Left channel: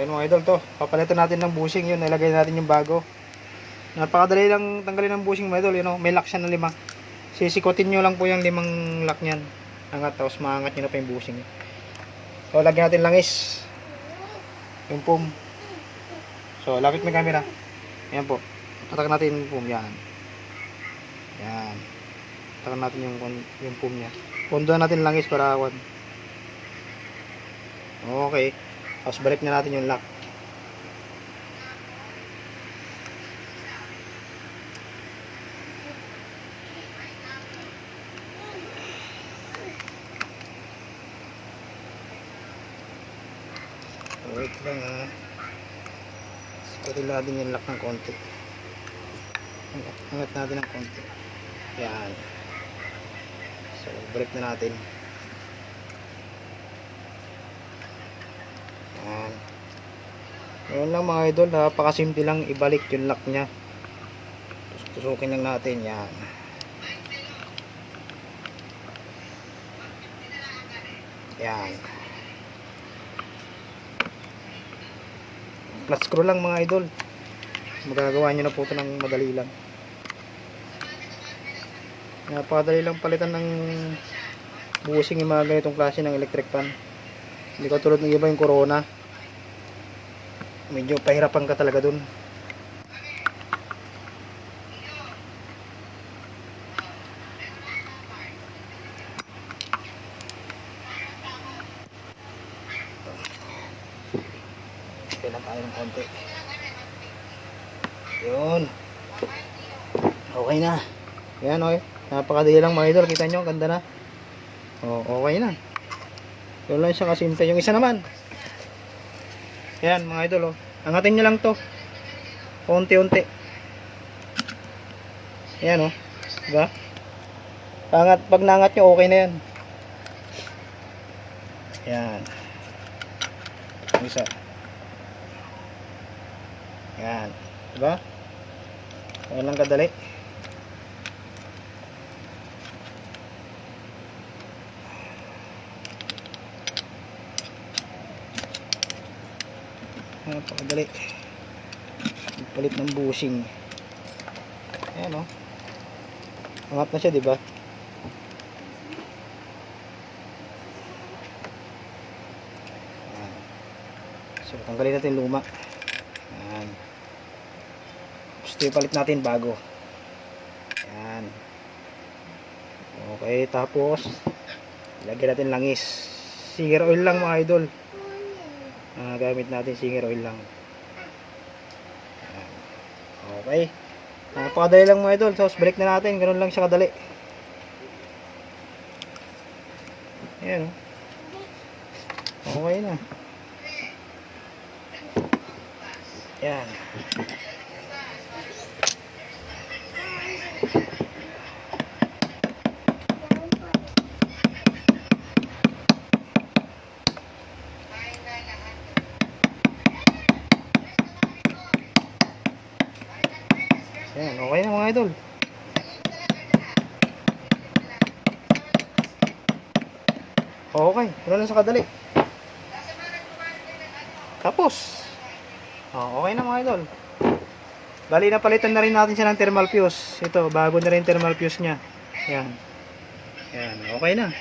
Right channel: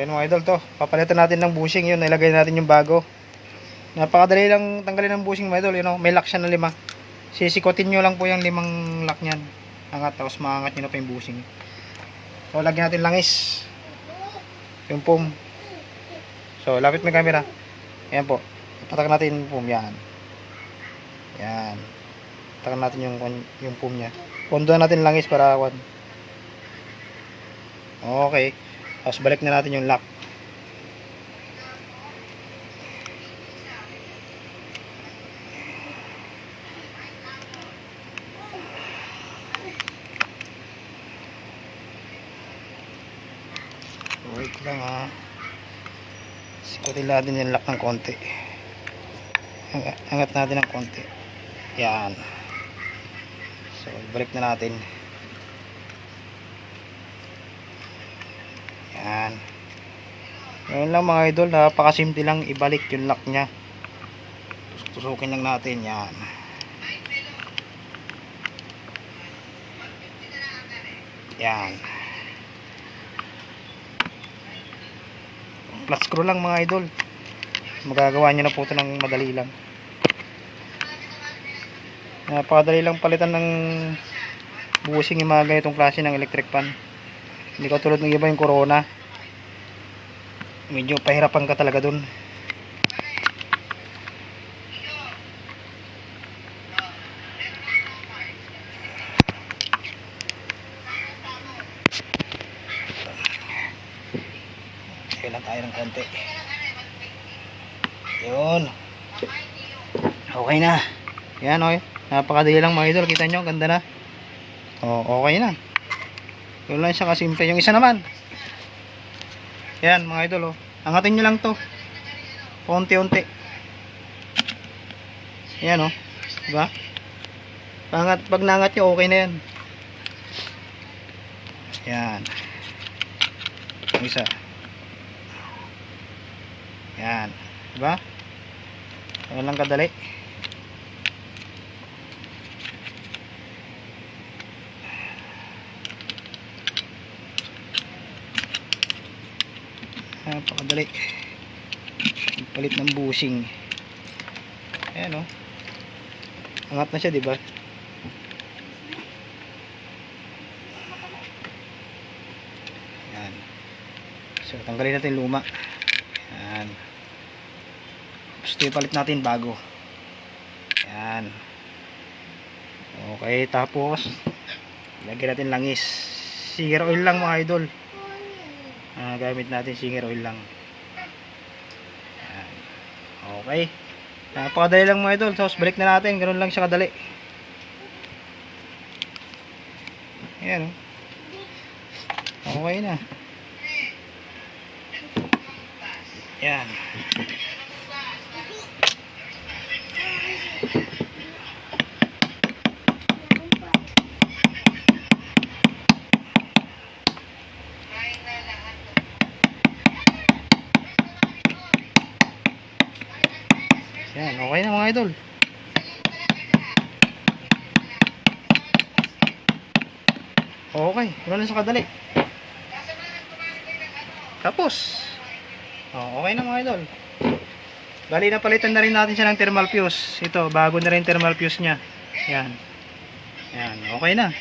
ayun mga idol, to papalitan natin ng bushing. Yun, nilagay natin yung bago. Napakadali lang tanggalin ng bushing mga idol. You know, may lock siya na 5. Sisikotin nyo lang po yung 5 lock nyan. Angat, tapos maangat nyo na pa yung bushing. So lagyan natin langis yung foam. So lapit may camera. Ayan po, patak natin yung foam. Yan, yan, patak natin yung foam nya. Pondo natin langis para awan. Okay, tapos balik na natin yung lock. Wait lang ha, sikutin natin yung lock ng konti. Angat natin ng konti. Yan. So balik na natin. Yan. Ngayon lang mga idol, napakasimple lang ibalik yung lock nya. Tusukin lang natin. Yan. Yan. Flat screw lang mga idol. Magagawa nyo na po ito ng madali lang. Napakadali lang palitan ng bushing yung mga ganitong klase ng electric pan. Hindi ko tulad ng iba yung Corona. Medyo pahirapan ka talaga dun. Kailan tayo ng konti. Yun. Okay na. Yan o. Napakadali lang mga idol. Kita nyo, ganda na. O, okay na. Yun lang siya kasimple. Yung isa naman. Yan mga idol o. Angatin nyo lang to. Unti-unti. Yan o. Diba? Pag nangat nyo, okay na yan. Yan. Yung isa. Yan. Diba? Yan lang kadali. Napakadali. Palit ng bushing. Ayan o. Angat na siya, diba? Ayan. So tanggalin natin luma. Ayan. Gusto ipalit natin bago. Ayan. Okay, tapos lagyan natin langis. Singer oil lang mga idol. Gamit natin singer oil lang. Ayan. Okay. Napakadali lang mga idol. Tapos balik na natin. Ganun lang siya kadali. Ayan. Okay na. Ayan. Yan, okay na mga idol. Okay, ano na sa kadali. Tapos okay na mga idol. Bali napalitan na rin natin siya ng thermal fuse. Ito, bago na rin thermal fuse nya. Yan. Yan, okay na.